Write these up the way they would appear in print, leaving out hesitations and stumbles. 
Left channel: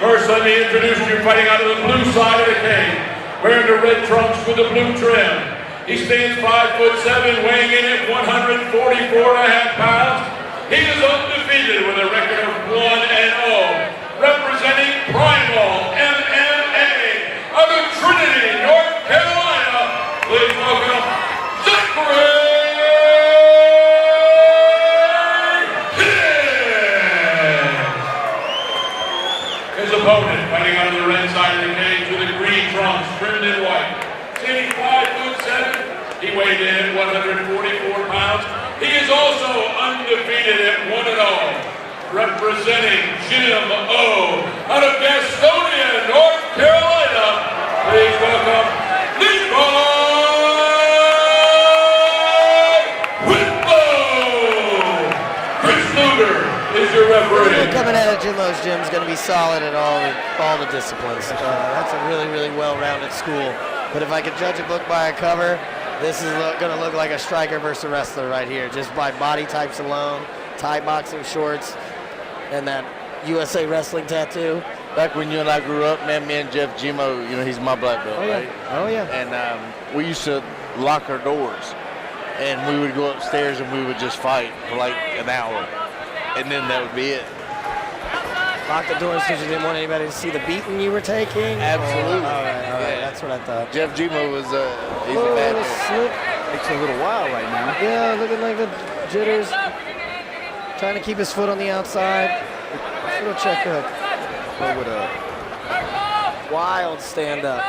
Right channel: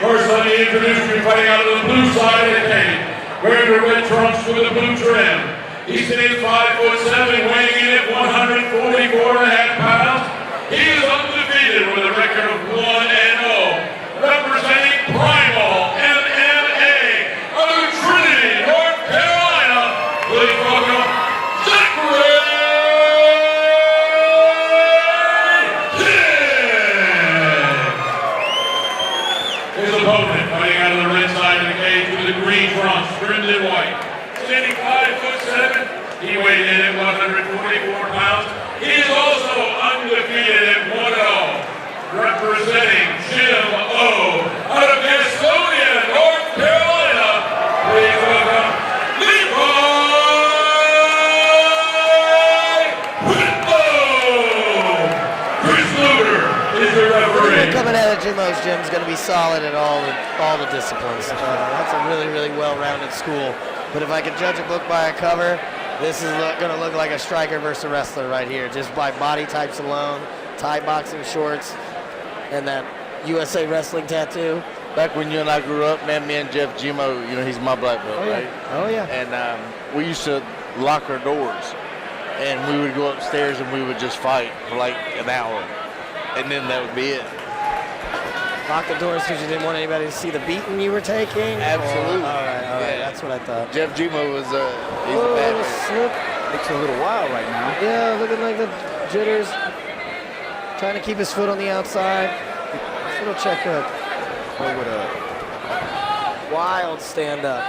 First, let me introduce you fighting out of the blue side of the cage. Wearing the red trunks with the blue trim. He stands 5'7", weighing in at 144.5 pounds. He is undefeated with a record of 1-0. Representing Primal MMA out of Trinity, North Carolina. Please welcome Zaccary. His opponent, fighting out of the red side of the cage with the green trunks, trimmed in white. Standing 5'7", he weighed in at 144 pounds. He is also undefeated at 1-0. Representing Jim O. out of Gastonia, North Carolina. Please welcome Levi. Whitlow. Chris Luger is your referee. Anyone coming out of Jim O's gym is going to be solid at all the disciplines. That's a really, really well-rounded school. But if I could judge a book by a cover, this is going to look like a striker versus a wrestler right here, just by body types alone, Thai boxing shorts, and that USA Wrestling tattoo. Back when you and I grew up, man, me and Jeff Jimo, you know, he's my black belt, right? Oh, yeah. And we used to lock our doors, and we would go upstairs and we would just fight for like an hour, and then that would be it. Lock the doors because you didn't want anybody to see the beating you were taking? Absolutely. All right, Yeah. that's what I thought. Jeff Jimo was, he's Oh, a bad little man. slip. Takes a little while right now. Yeah, looking like the jitters. Trying to keep his foot on the outside. Little check hook. Go with a Wild stand up.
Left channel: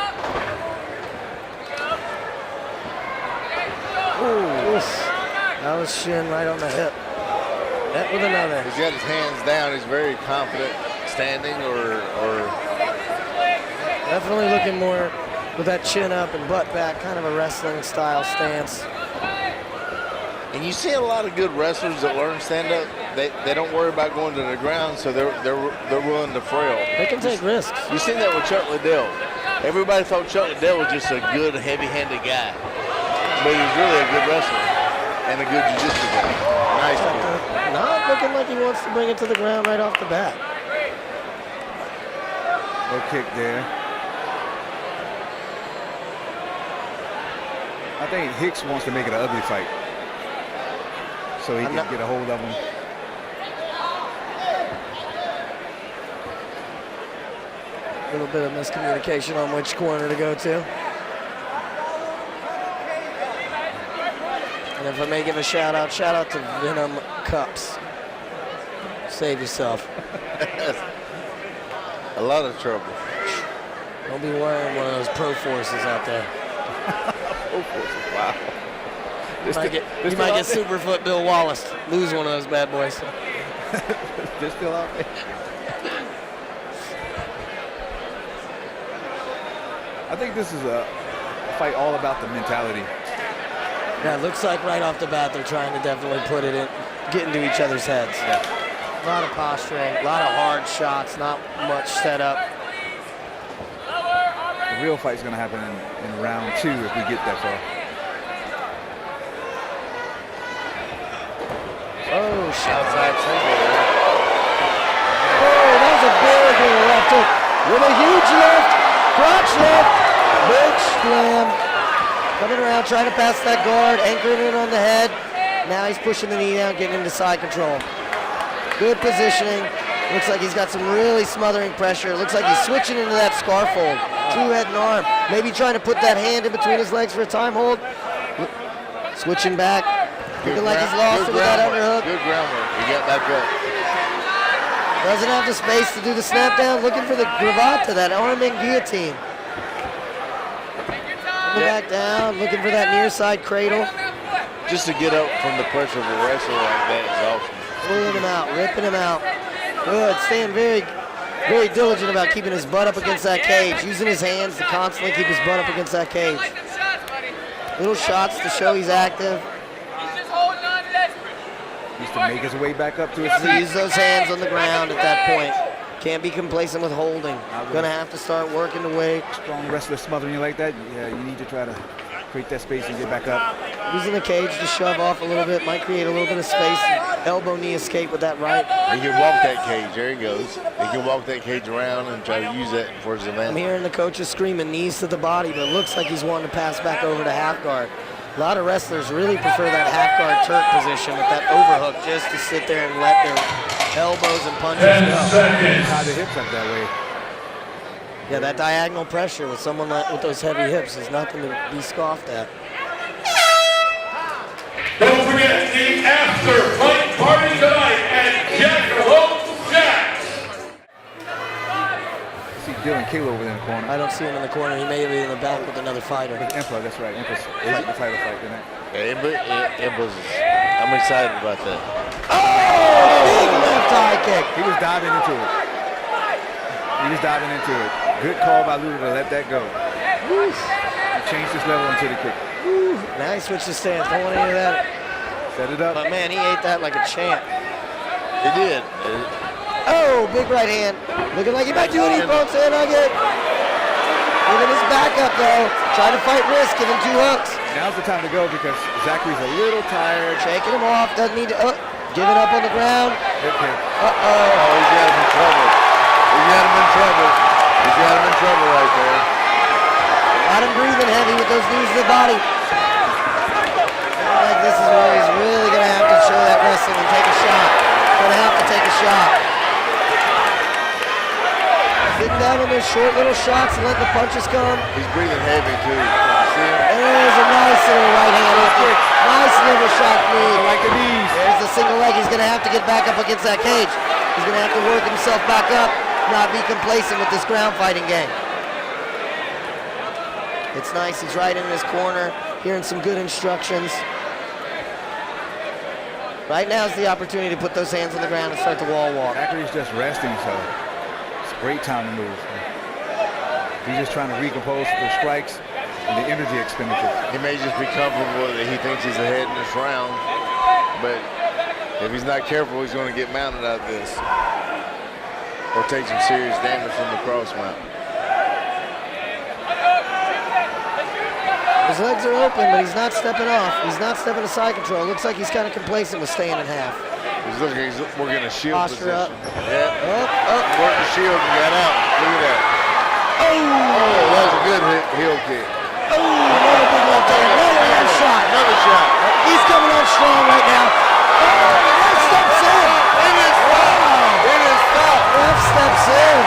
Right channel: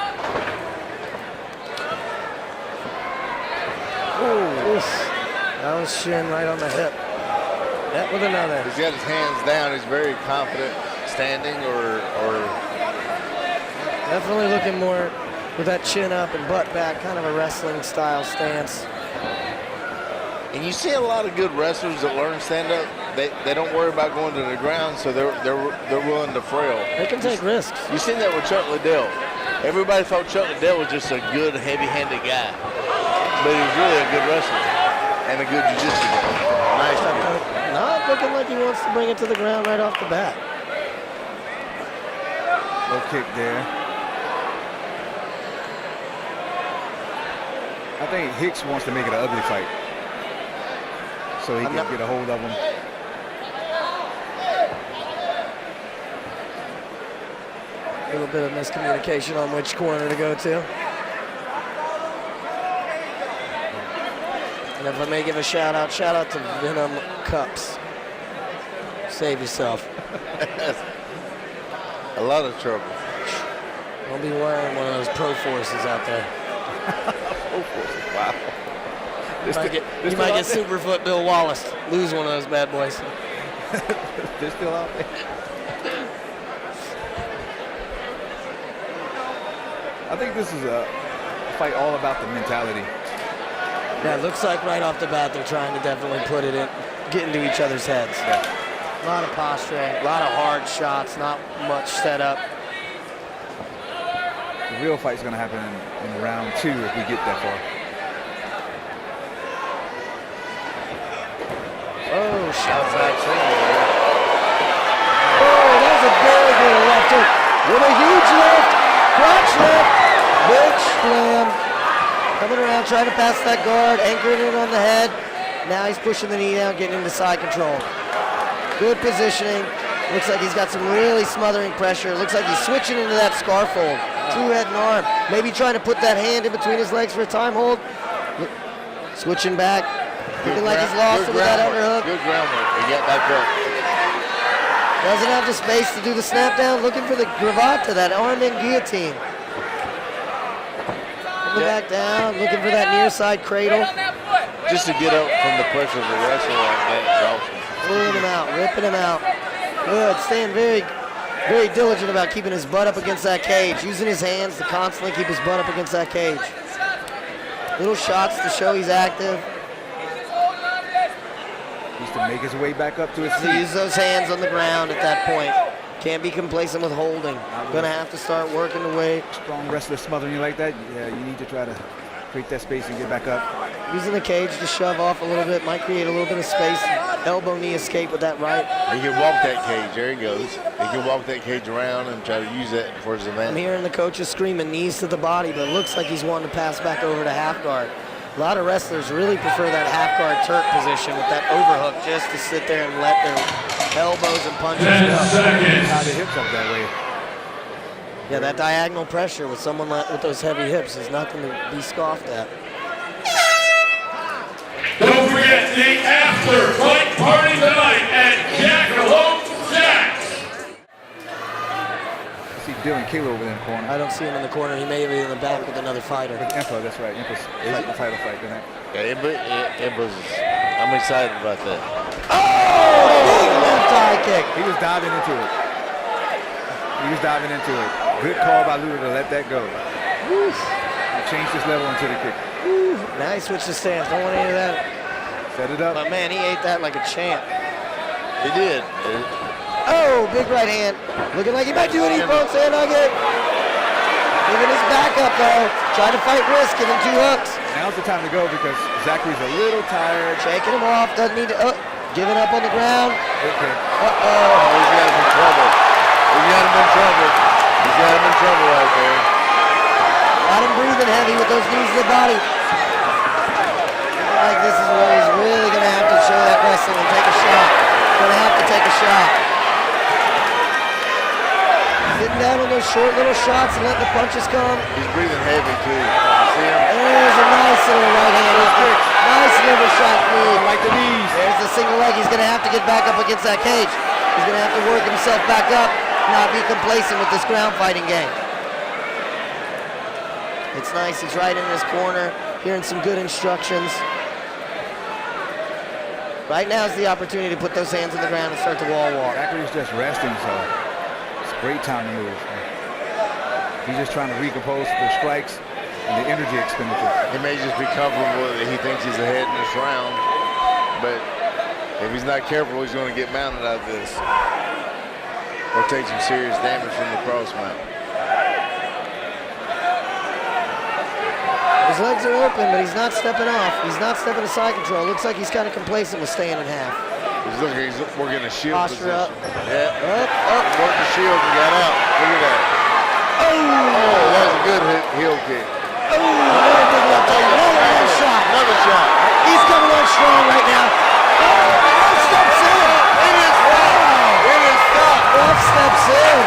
Ooh. Oof. That was shin right on the hip. Net with another. He's got his hands down. He's very confident standing or Definitely looking more with that chin up and butt back, kind of a wrestling style stance. and you see a lot of good wrestlers that learn stand-up. They don't worry about going to the ground, so they're willing to frail. They can take risks. You seen that with Chuck Liddell. Everybody thought Chuck Liddell was just a good, heavy-handed guy, but he was really a good wrestler and a good jiu-jitsu guy. Nice kid. Not looking like he wants to bring it to the ground right off the bat. low kick there. I think Hicks wants to make it an ugly fight so he can get a hold of him. A little bit of miscommunication on which corner to go to. And if I may give a shout out to Venom Cups. Save yourself. A lot of trouble. Don't be wearing one of those Pro Forces out there. Pro Forces, wow. You might get Superfoot Bill Wallace. Lose one of those bad boys. They're still out there. I think this is a fight all about the mentality. Yeah, it looks like right off the bat they're trying to definitely put it in, get into each other's heads. Yeah. A lot of posturing, a lot of hard shots, not much setup. The real fight's going to happen in round 2 if we get that far. Oh, shot. Outside single there. Oh, that was a big little left hook with a huge lift, crotch lift, big slam. Coming around, trying to pass that guard, anchoring it on the head. Now he's pushing the knee down, getting into side control. Good positioning, Looks like he's got some really smothering pressure. Looks like he's switching into that scarf hold. True head and arm. Maybe trying to put that hand in between his legs for a time hold. Switching back. Looking like he's lost it with that underhook. Good groundwork. He got back up. Doesn't have the space to do the snap down. Looking for the gravata, that arm in guillotine. Coming back down. Looking for that near side cradle. Just to get up from the pressure of a wrestler like that is awesome. Pulling him out, ripping him out. Good, staying very, very diligent about keeping his butt up against that cage, using his hands to constantly keep his butt up against that cage. Little shots to show he's active. Needs to make his way back up to his To feet. use those hands on the ground at that point. Can't be complacent with holding. Gonna have to start working the way. Strong wrestler smothering you like that, yeah, you need to try to create that space and get back up. Using the cage to shove off a little bit, might create a little bit of space. Elbow knee escape with that right. He can walk that cage. There he goes. He can walk that cage around and try to use that for his advantage. I'm hearing the coaches screaming knees to the body, but it looks like he's wanting to pass back over to half guard. A lot of wrestlers really prefer that half guard Turk position with that overhook just to sit there and let their elbows and punches go. Tie the hips up that way. Yeah, that diagonal pressure with someone with those heavy hips is nothing to be scoffed at. Don't forget the after-fight party tonight at Jack's. I see Dylan Kalo over there in the corner. I don't see him in the corner. He may be in the back with another fighter. With Impa, that's right. Impa's fighting the title fight tonight. Yeah, I'm excited about that. Oh! Big left high kick. He was diving into it. He was diving into it. Good call by Luda to let that go. Oof. He changed his level into the kick. Ooh, now he switched his stance. Don't want any of that. Set it up. But man, he ate that like a champ. He did. Oh, big right hand. Looking like he might do an E-bone sand nugget. Giving his back up though. Trying to fight risk, giving 2 hooks. Now's the time to go because Zaccary's a little tired. Shaking him off. Doesn't need to. Giving up on the ground. Okay. Uh-oh. Oh, he's got him in trouble. He's got him in trouble. He's got him in trouble right there. Got him breathing heavy with those knees to the body. Looking like this is where he's really going to have to show that wrestling and take a shot. Going to have to take a shot. Sitting down on those short little shots and letting the punches come. He's breathing heavy too. You see him? There's a nice little right hand off the nice liver shot knee. I like the knees. There's the single leg. He's going to have to get back up against that cage. He's going to have to work himself back up, not be complacent with this ground fighting game. It's nice. He's right in his corner, hearing some good instructions. Right now is the opportunity to put those hands on the ground and start the wall walk. Zaccary's just resting, so it's a great time to move. He's just trying to recompose those strikes and the energy expenditure. He may just be comfortable that he thinks he's ahead in this round, but if he's not careful, he's going to get mounted out of this or take some serious damage from the cross mount. His legs are open, but he's not stepping off. He's not stepping to side control. Looks like he's kind of complacent with staying in half. He's working a shield Posture up. position. Yeah. Up. Worked the shield and got out. Look at that. Oh, that was a good heel kick. Oh, another big left hand. Another left shot. Another shot. He's coming on strong right now. Oh, ref steps in. It is stopped. Wow. It is stopped. Ref steps in.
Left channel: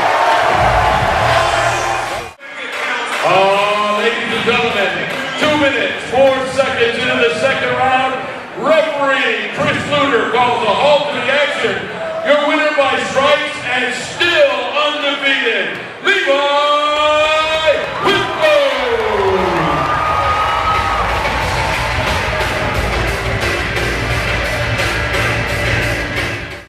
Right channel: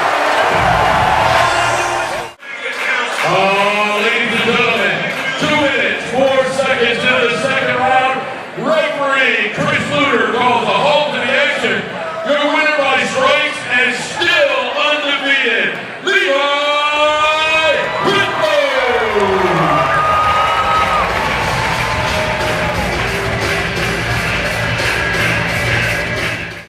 Ladies and gentlemen, 2 minutes, 4 seconds into the second round. Referee Chris Luder calls